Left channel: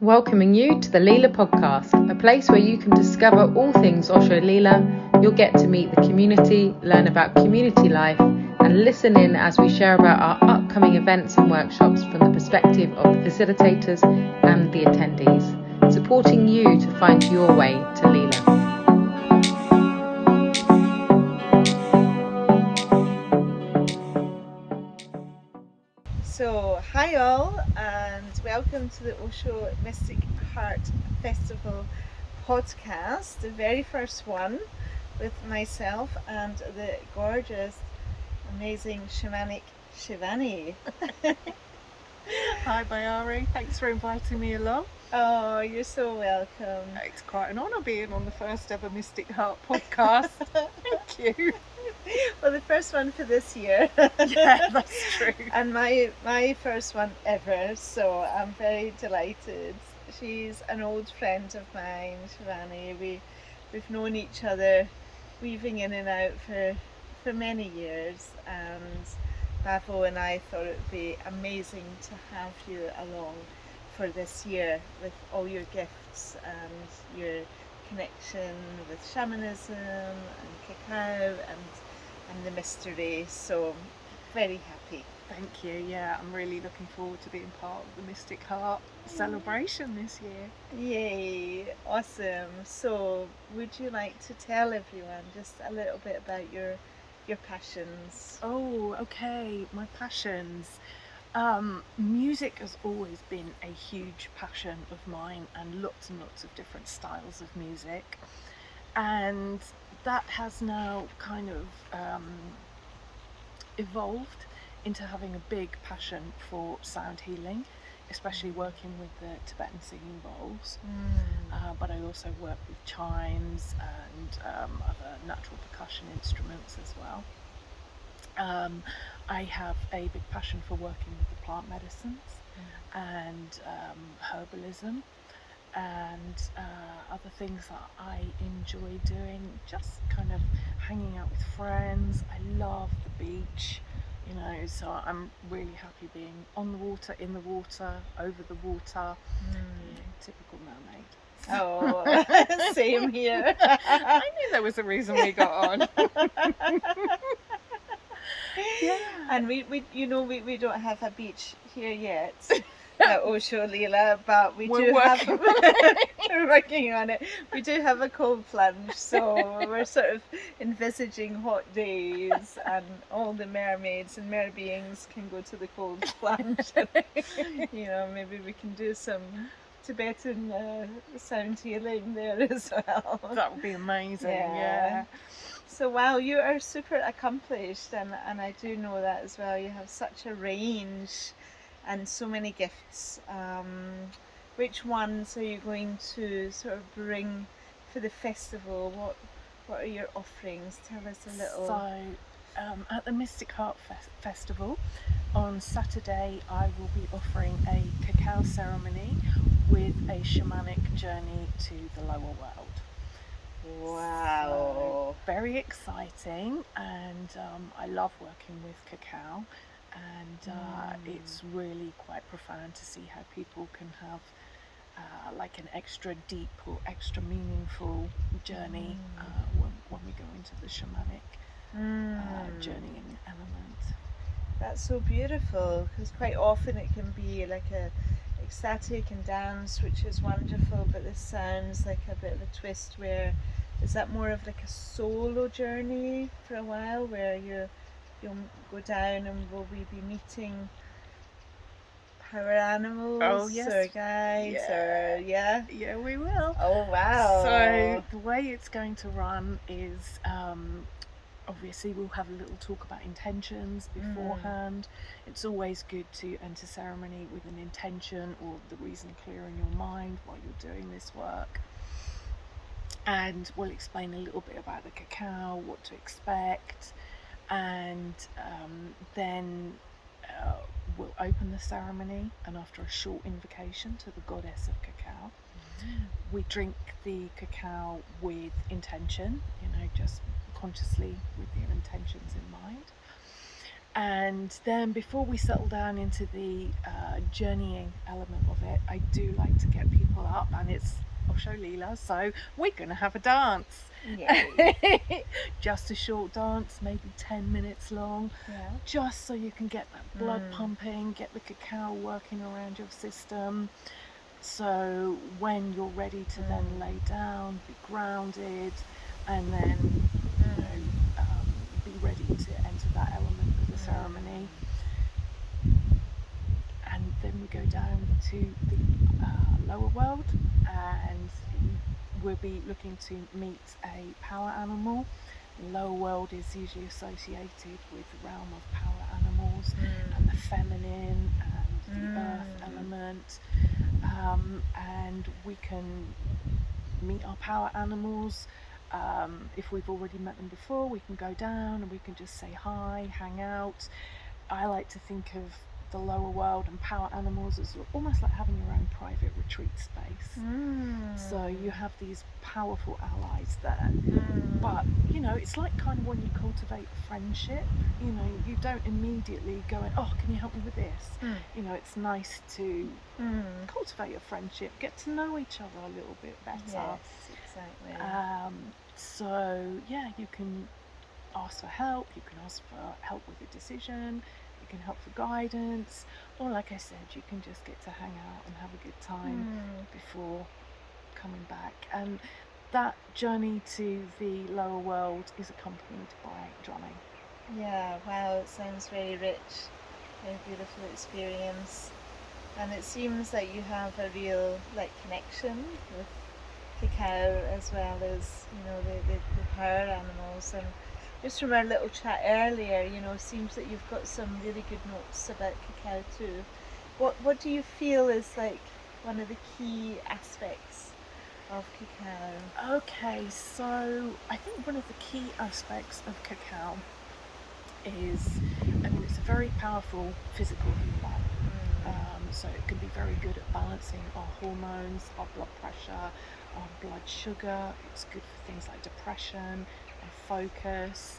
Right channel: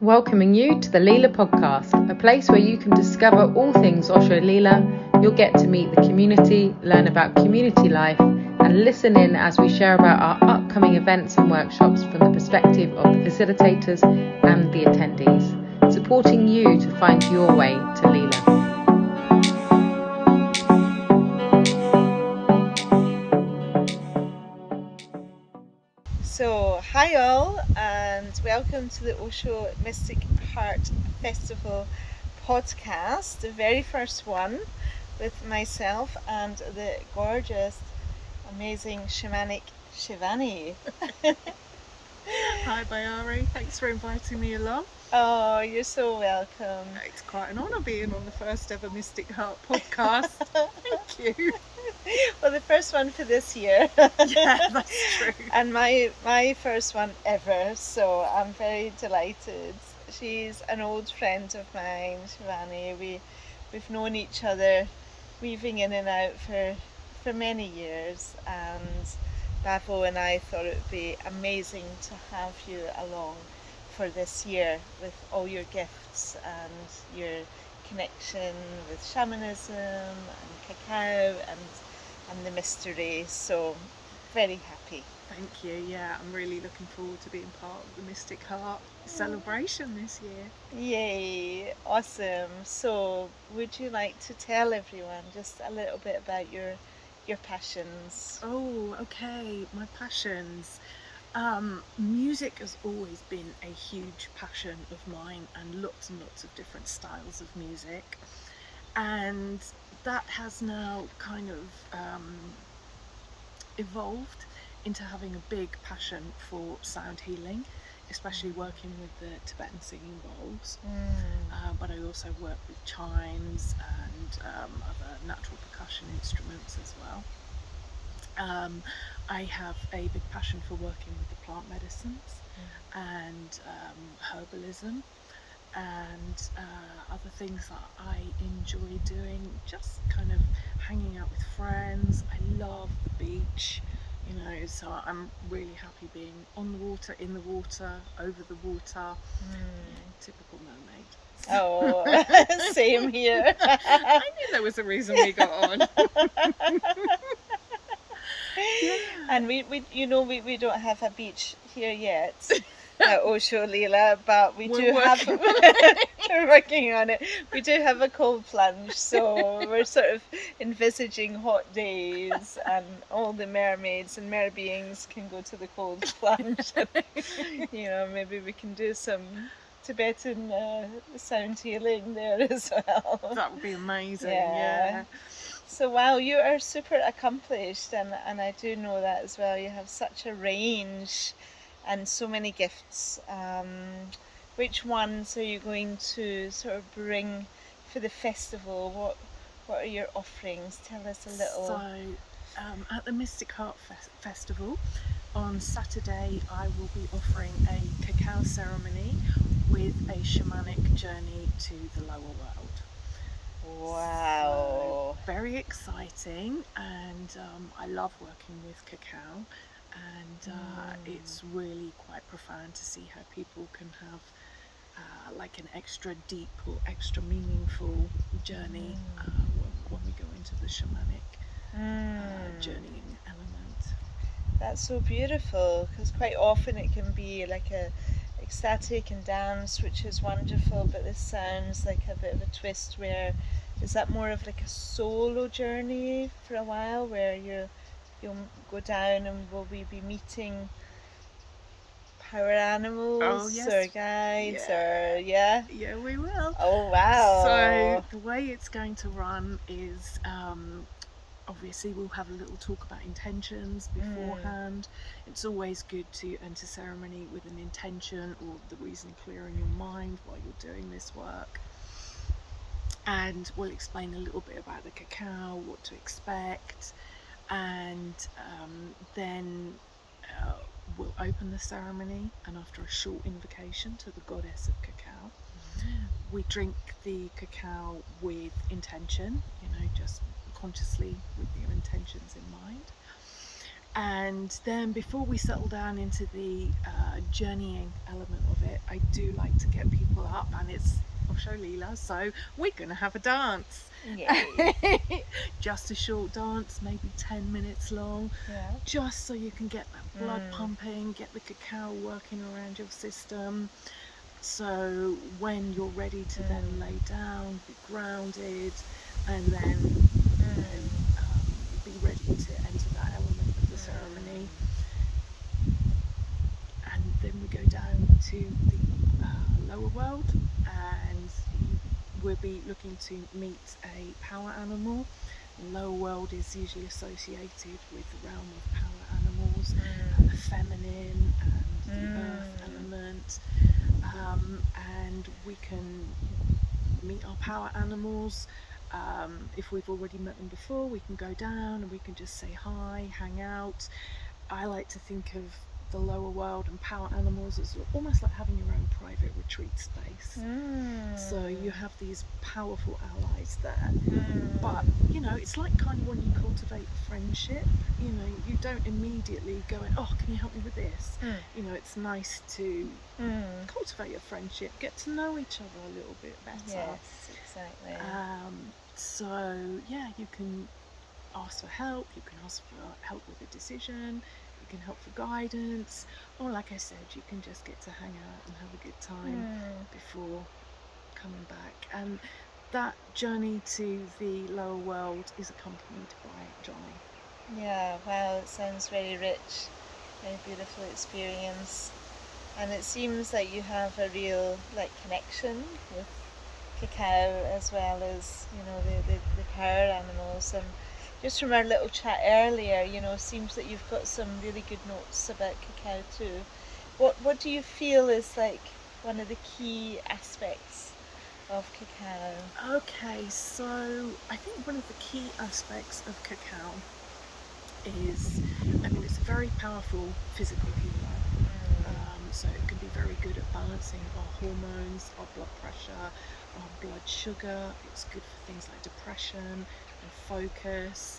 Welcoming you to the Leela podcast, a place where you can discover all things Osho Leela. You'll get to meet the community, learn about community life, and listen in as we share about our upcoming events and workshops from the perspective of the facilitators and the attendees, supporting you to find your way to Leela. So, hi all, and welcome to the Osho Mystic Heart Festival podcast, the very first one with myself and the gorgeous, amazing Shamanic Shivani. Hi Bayari, thanks for inviting me along. Oh, you're so welcome. It's quite an honour being on the first ever Mystic Heart podcast. Thank you. Well, the first one for this year. Yeah, that's true. And my first one ever, so I'm very delighted. She's an old friend of mine, Shivani. We've known each other weaving in and out for many years, and Bavo and I thought it would be amazing to have you along for this year with all your gifts and your connection with shamanism and cacao and the mystery. So very happy. Thank you. Yeah, I'm really looking forward to being part of the Mystic Heart celebration this year. Yay, awesome. So would you like to tell everyone just a little bit about your passions? Oh, okay. My passions. Music has always been a huge passion of mine, and lots of different styles of music, and that has now kind of evolved into having a big passion for sound healing, especially working with the Tibetan singing bowls. But I also work with chimes and other natural percussion instruments as well. I have a big passion for working with the plant medicines and herbalism and other things that I enjoy doing, just kind of hanging out with friends. I love the beach, so I'm really happy being on the water, in the water, over the water, typical mermaid. Oh, same here. I knew there was a reason we got on. Yeah. And we don't have a beach here yet at Osho Leela, but we're working on it. We do have a cold plunge, so we're sort of envisaging hot days and all the mermaids and mer beings can go to the cold plunge. Maybe we can do some Tibetan sound healing there as well. That would be amazing. Yeah. So wow, you are super accomplished, and I do know that as well. You have such a range and so many gifts. Which ones are you going to sort of bring for the festival? What are your offerings? Tell us a little. So at the Mystic Heart Festival on Saturday, I will be offering a cacao ceremony with a shamanic journey to the lower world. Wow. So, very exciting, and I love working with cacao, and it's really quite profound to see how people can have like an extra deep or extra meaningful journey when we go into the shamanic journeying element. That's so beautiful, because quite often it can be like a ecstatic and dance, which is wonderful, but this sounds like a bit of a twist. Where is that more of like a solo journey for a while, where you'll go down and will we be meeting power animals or guides yeah we will. Oh wow. So the way it's going to run is obviously we'll have a little talk about intentions beforehand. It's always good to enter ceremony with an intention or the reason clear in your mind while you're doing this work. And we'll explain a little bit about the cacao, what to expect, and then we'll open the ceremony, and after a short invocation to the goddess of cacao, we drink the cacao with intention, just consciously with your intentions in mind. And then before we settle down into the journeying element of it, I do like to get people up, and it's Osho Leela, so we're going to have a dance. Yay. Just a short dance, maybe 10 minutes long, Yeah. just so you can get that blood pumping, get the cacao working around your system. So when you're ready to then lay down, be grounded, and then be ready to enter that element of the ceremony. And then we go down to the lower world, and we'll be looking to meet a power animal. The lower world is usually associated with the realm of power animals and the feminine and the earth element. And we can meet our power animals. If we've already met them before, we can go down and we can just say hi, hang out. I like to think of the lower world and power animals as almost like having your own private retreat space. So you have these powerful allies there. But, you know, it's like kind of when you cultivate a friendship, you know, you don't immediately go in, oh, can you help me with this? You know, it's nice to cultivate a friendship, get to know each other a little bit better. Yes, exactly. So, yeah, you can ask for help, you can ask for help with a decision, you can help for guidance, or like I said, you can just get to hang out and have a good time before coming back. And that journey to the lower world is accompanied by drumming. Yeah, wow, it sounds very rich, very beautiful experience. And it seems that you have a real connection with Cacao as well as, you know, the power animals. And just from our little chat earlier, you know, seems that you've got some really good notes about Cacao too. What do you feel is like one of the key aspects of Cacao? Okay, so I think one of the key aspects of Cacao is, I mean, it's a very powerful physical healer. So it can be very good at balancing our hormones, our blood pressure, our blood sugar. It's good for things like depression and focus.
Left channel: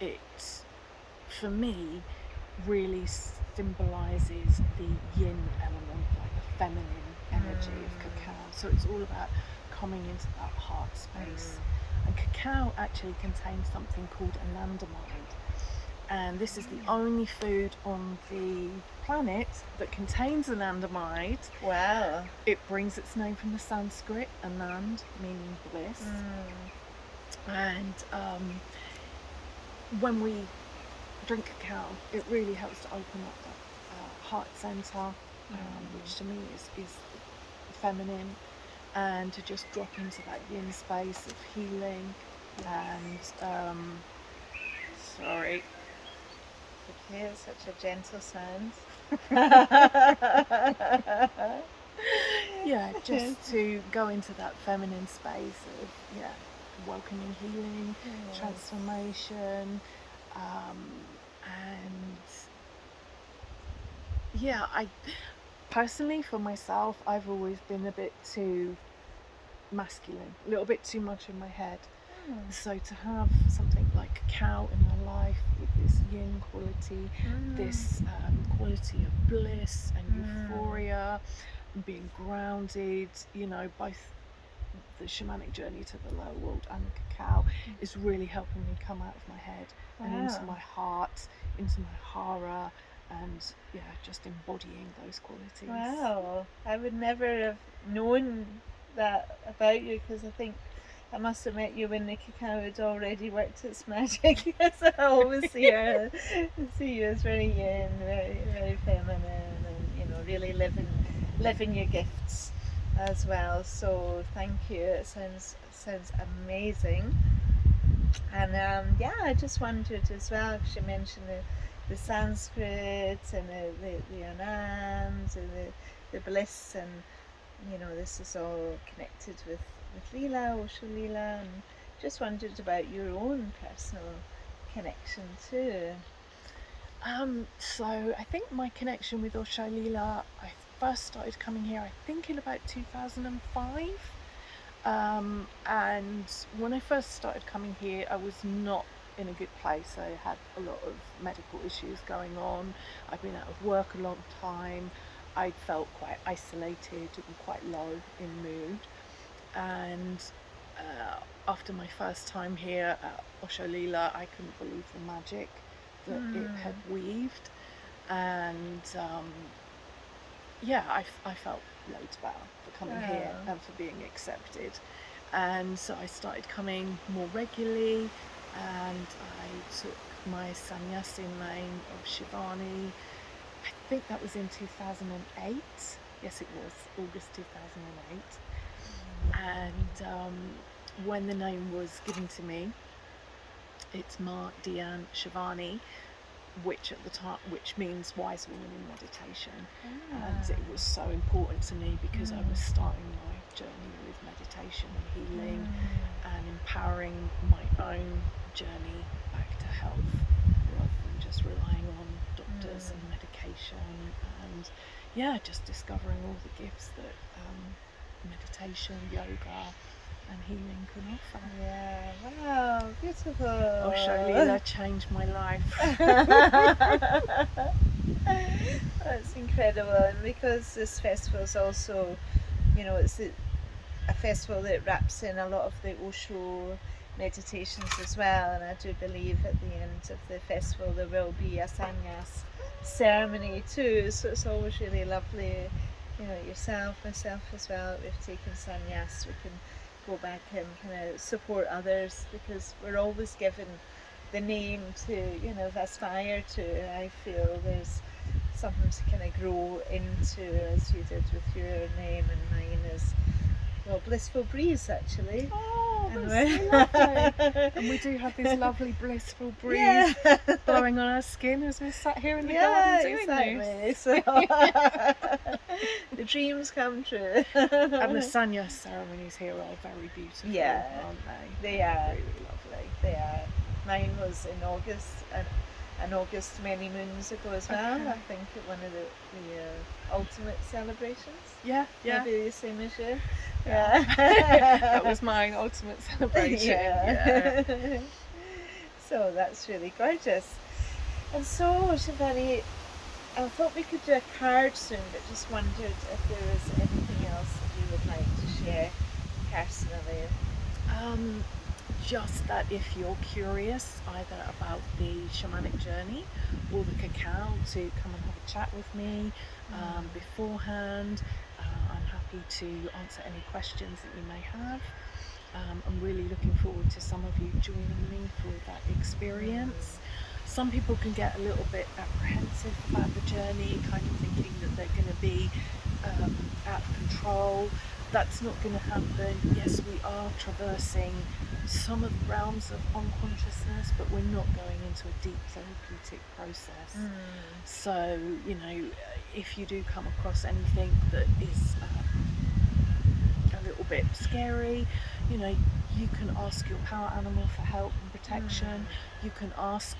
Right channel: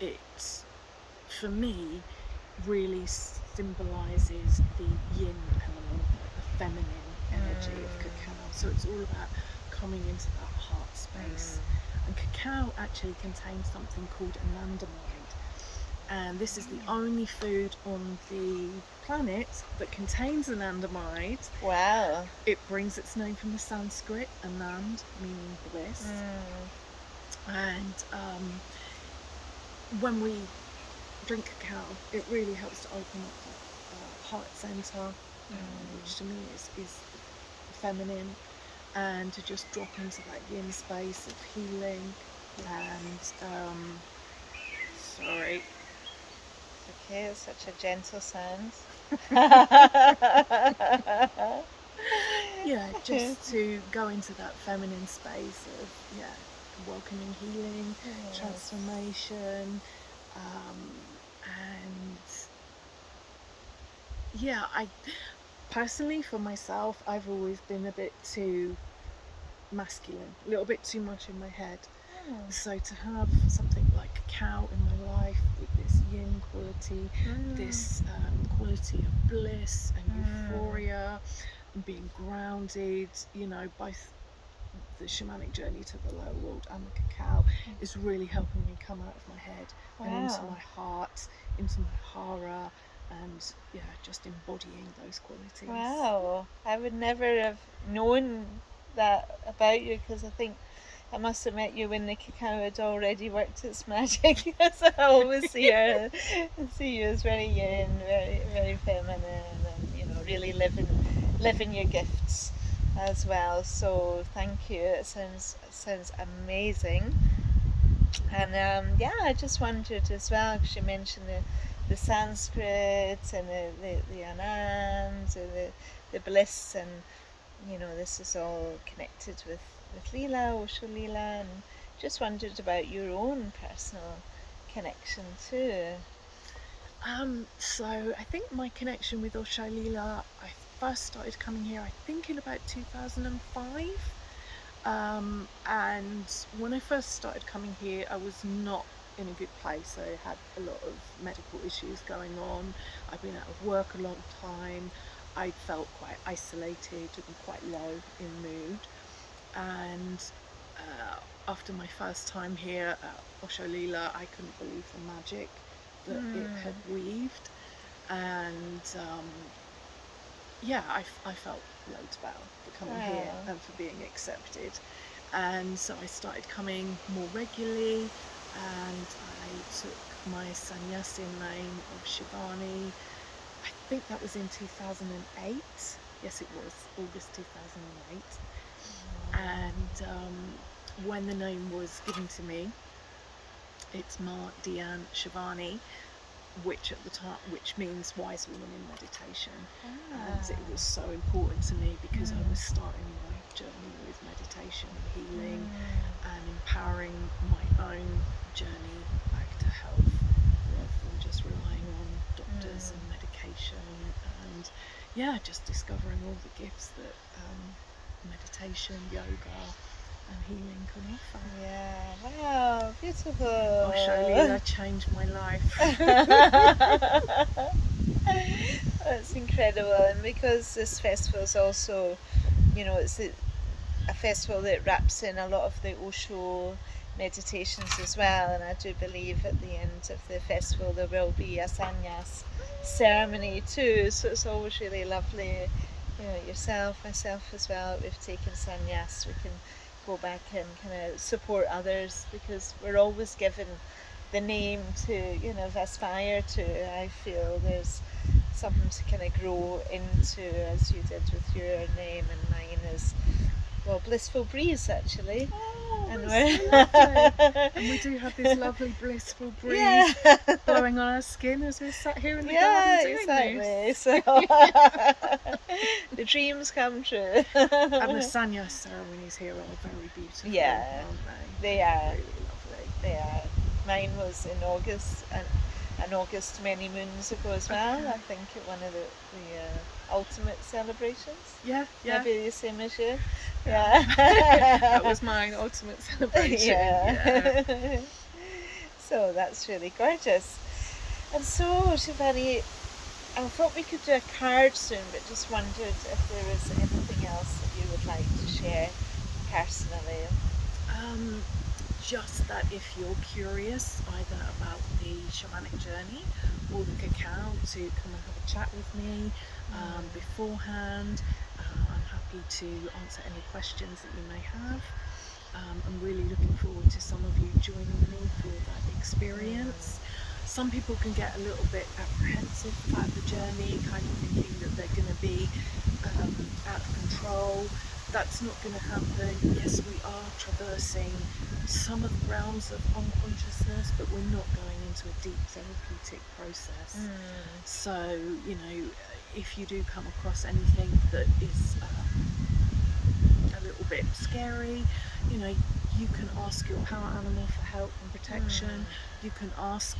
It, for me, really symbolizes the yin element, like the feminine energy of Cacao. So it's all about coming into that heart space. And Cacao actually contains something called anandamide. And this is the only food on the planet that contains anandamide. Wow. It brings its name from the Sanskrit, anand, meaning bliss. And when we drink cacao, it really helps to open up that heart center, which to me is feminine, and to just drop into that yin space of healing. And sorry. Okay, it's such a gentle sound. Yeah, just to go into that feminine space of welcoming healing, transformation, and yeah, I personally, for myself, I've always been a bit too masculine, a little bit too much in my head. So to have something like cacao in my life with this yin quality, this quality of bliss and euphoria, and being grounded, you know, both the shamanic journey to the lower world and the cacao is really helping me come out of my head and into my heart, into my hara, and just embodying those qualities. Wow, I would never have known that about you, because I think I must have met you when the cacao had already worked its magic, because I always see you as very yin, very, very feminine, and, you know, really living your gifts as well. So thank you. It sounds amazing. And I just wondered as well, because you mentioned the Sanskrit and the Anand and the bliss, and you know, this is all connected with Leela, Osho Leela, and just wondered about your own personal connection too. So I think my connection with Osho Leela, I first started coming here, I think in about 2005. And when I first started coming here, I was not in a good place. I had a lot of medical issues going on. I've been out of work a long time. I felt quite isolated and quite low in mood. And after my first time here at Osho Leela, I couldn't believe the magic that it had weaved. And I felt loads better for coming here and for being accepted. And so I started coming more regularly, and I took my sannyas in name of Shivani. I think that was in 2008. Yes, it was August 2008. And when the name was given to me, it's Bayari and Shivani, which at the time, which means wise woman in meditation. And it was so important to me because I was starting my journey with meditation and healing and empowering my own journey back to health, rather than just relying on doctors and medication, and just discovering all the gifts that meditation, yoga and healing can offer. Yeah, wow, beautiful. Osho Leela changed my life. That's incredible. And because this festival is also, it's a festival that wraps in a lot of the Osho meditations as well, and I do believe at the end of the festival there will be a sannyas ceremony too, so it's always really lovely, yourself, myself as well, we've taken sannyas, we can go back and kind of support others, because we're always given the name to aspire to. I feel there's something to kind of grow into, as you did with your name, and mine is, well, Blissful Breeze, actually. Oh, that's so lovely. And we do have this lovely blissful breeze blowing on our skin as we're sat here in the garden doing this. So the dreams come true. And the sannyas ceremonies here are very beautiful, aren't they? They are really lovely. They are. Mine was in August, and August many moons ago as well. I think at one of the ultimate celebrations. Maybe the same as you. That was mine, ultimate celebration. So that's really gorgeous. And so, Shivani, I thought we could do a card soon, but just wondered if there was anything else that you would like to share personally. Just that if you're curious either about the shamanic journey or the cacao, to come and have a chat with me beforehand. I'm happy to answer any questions that you may have. I'm really looking forward to some of you joining me for that experience. Some people can get a little bit apprehensive about the journey, kind of thinking that they're going to be out of control. That's not going to happen. Yes, we are traversing some of the realms of unconsciousness, but we're not going into a deep therapeutic process. So, if you do come across anything that is a little bit scary, you can ask your power animal for help and protection. You can ask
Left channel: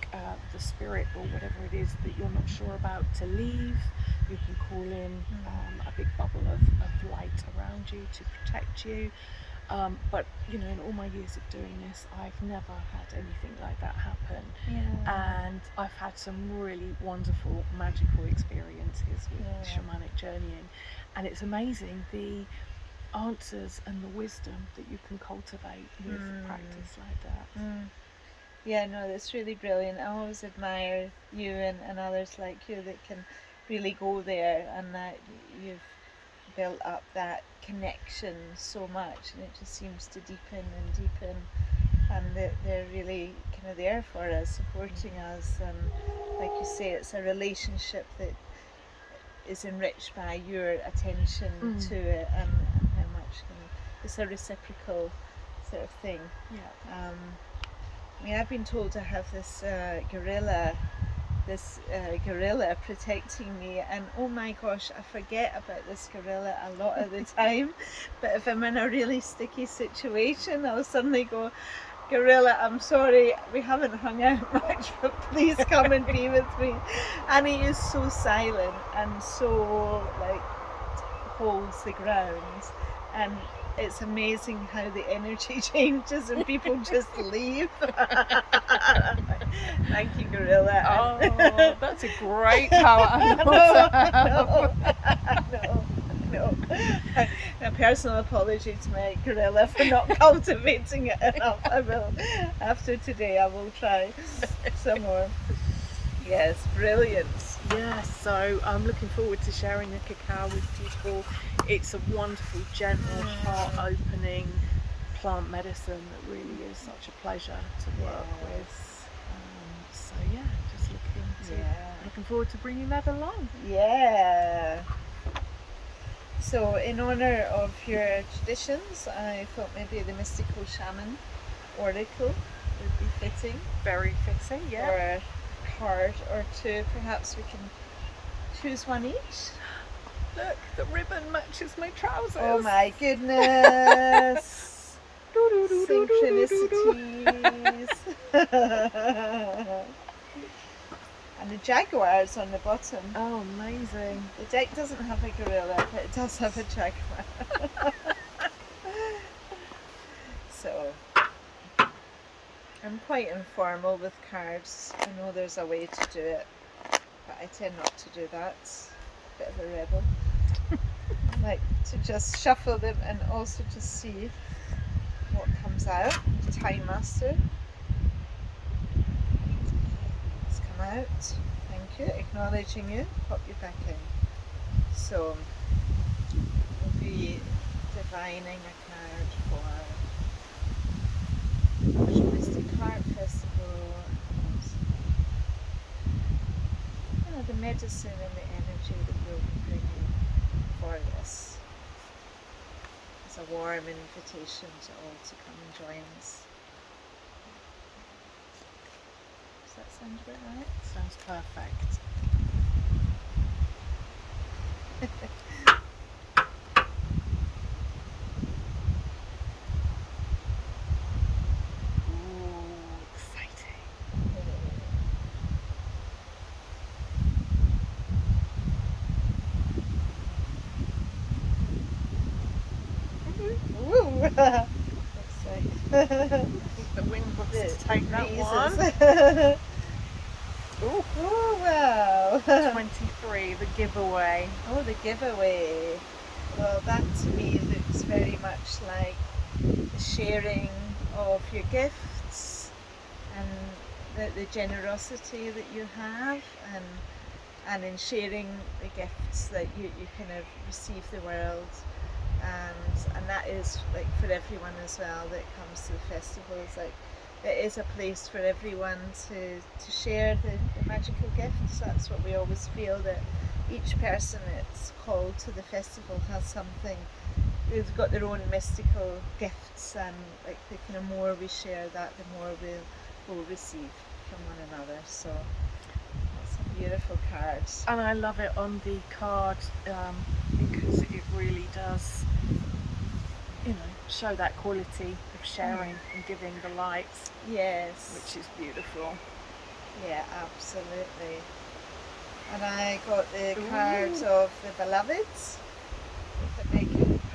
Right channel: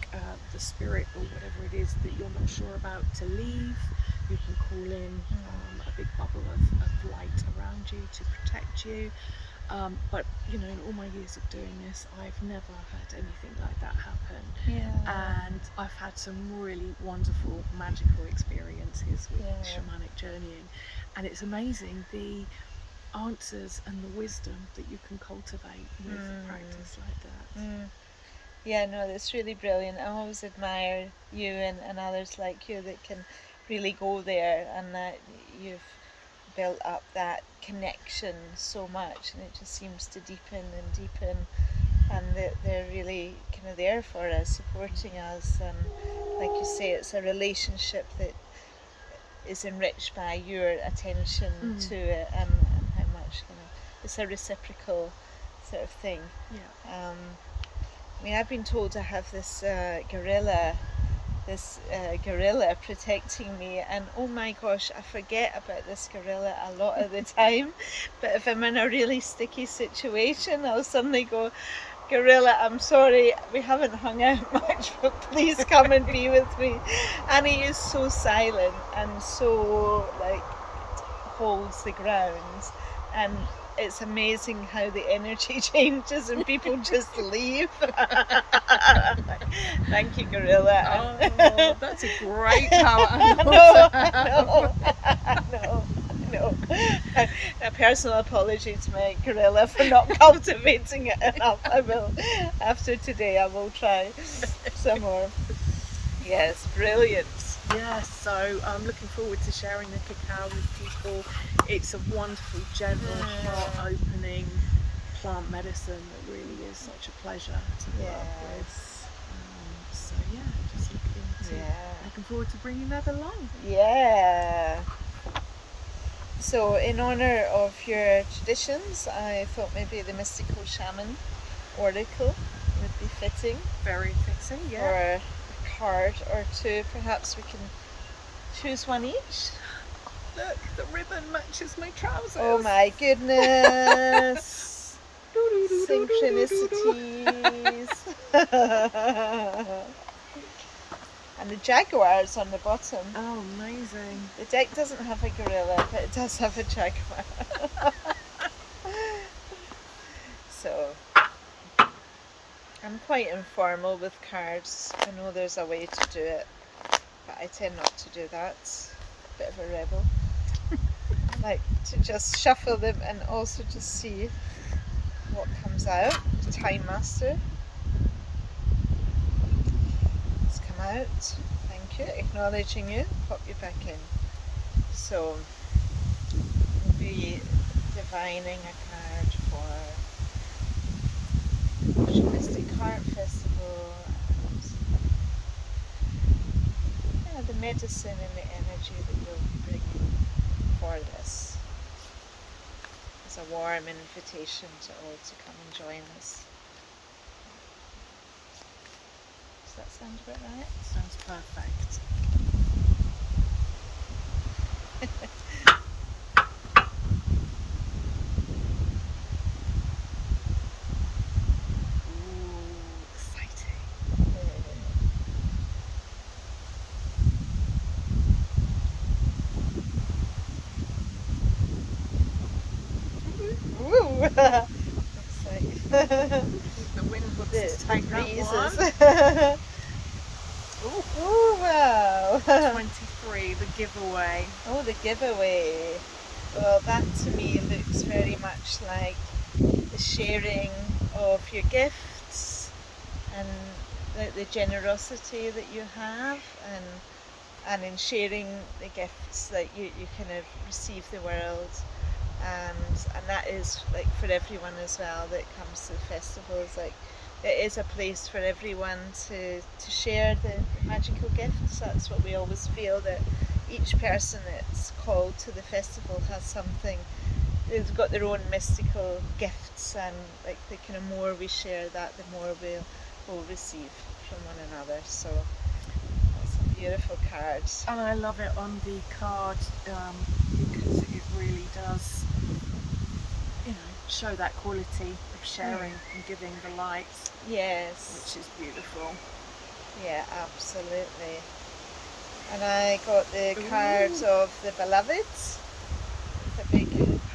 the spirit or whatever it is that you're not sure about to leave. You can call in a big bubble of light around you to protect you. But in all my years of doing this, I've never had anything like that happen. And I've had some really wonderful, magical experiences with shamanic journeying, and it's amazing the answers and the wisdom that you can cultivate with practice like that. Yeah, no, that's really brilliant. I always admire you and others like you that can really go there, and that you've built up that connection so much, and it just seems to deepen and deepen, and that they're really kind of there for us, supporting us, and like you say, it's a relationship that is enriched by your attention to it, and how much it's a reciprocal sort of thing. I mean, I've been told to have this gorilla protecting me, and oh my gosh, I forget about this gorilla a lot of the time. But if I'm in a really sticky situation, I'll suddenly go, "Gorilla, I'm sorry, we haven't hung out much, but please come and be with me." And he is so silent and so holds the ground, and it's amazing how the energy changes and people just leave. Thank you, Gorilla. Oh, that's a great power animal to have. No. A personal apology to my gorilla for not cultivating it enough. I will, after today, I will try some more. Yes, brilliant. Yeah, so I'm looking forward to sharing the cacao with people. It's a wonderful, gentle, heart-opening plant medicine that really is such a pleasure to work with. So yeah, just looking forward to bringing that along. Yeah. So in honor of your traditions, I thought maybe the mystical shaman oracle would be fitting. Very fitting, yeah. Or a card or two, perhaps we can choose one each. Look, the ribbon matches my trousers. Oh my goodness. Synchronicities. And the jaguar's on the bottom. Oh, amazing. The deck doesn't have a gorilla, but it does have a jaguar. So, I'm quite informal with cards. I know there's a way to do it, but I tend not to do that. A bit of a rebel. I like to just shuffle them and also just see what comes out. Time Master. Out. Thank you. Acknowledging you. Pop you back in. So we'll be divining a card for Osho Mystic Heart Festival and the medicine and the energy that we'll be bringing for this. It's a warm invitation to all to come and join us. Does that sound about right? Sounds perfect. Ooh, exciting. Woo! That's like The wind wants to take that one. Oh, wow. 23, the giveaway. Oh, the giveaway. Well, that to me looks very much like the sharing of your gifts and the generosity that you have, and in sharing the gifts that you kind of receive the world. And that is like for everyone as well that comes to the festivals. Like, it is a place for everyone to share the magical gifts. That's what we always feel, that each person that's called to the festival has something. They've got their own mystical gifts, and like the kind of more we share that, the more we'll receive from one another. So that's a beautiful card. And I love it on the card because it really does, show that quality of sharing and giving the light. Yes. Which is beautiful. Yeah, absolutely. And I got the cards of the beloveds with a big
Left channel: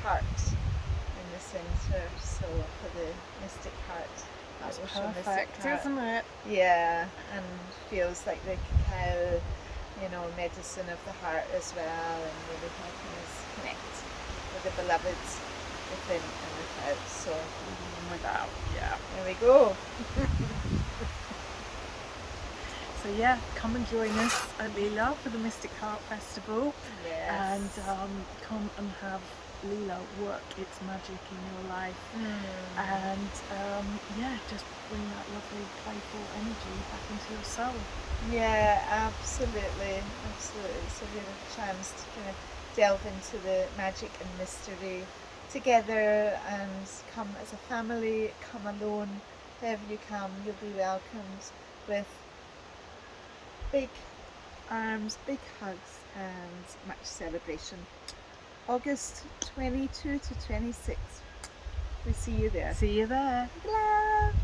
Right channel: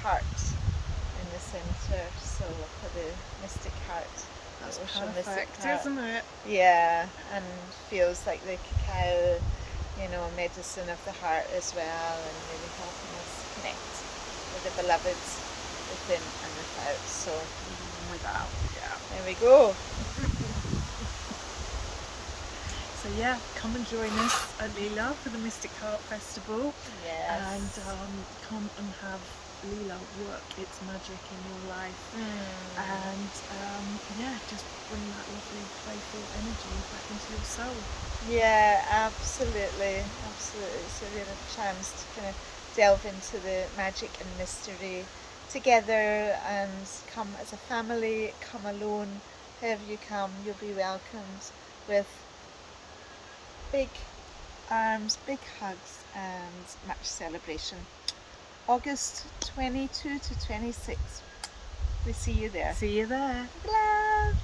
heart in the centre. So for the mystic heart. That's perfect, isn't it? Yeah, and feels like the cacao, medicine of the heart as well, and really helping us connect with the beloveds within and without. So within and without, yeah. There we go. So yeah, come and join us at Leela for the Mystic Heart Festival. Yes. And come and have Leela work its magic in your life. And just bring that lovely playful energy back into your soul. Yeah, absolutely. It's a real chance to kind of delve into the magic and mystery together, and come as a family, come alone, however you come, you'll be welcomed with big arms, big hugs, and much celebration. August 22 to 26. We see you there. See you there. Love.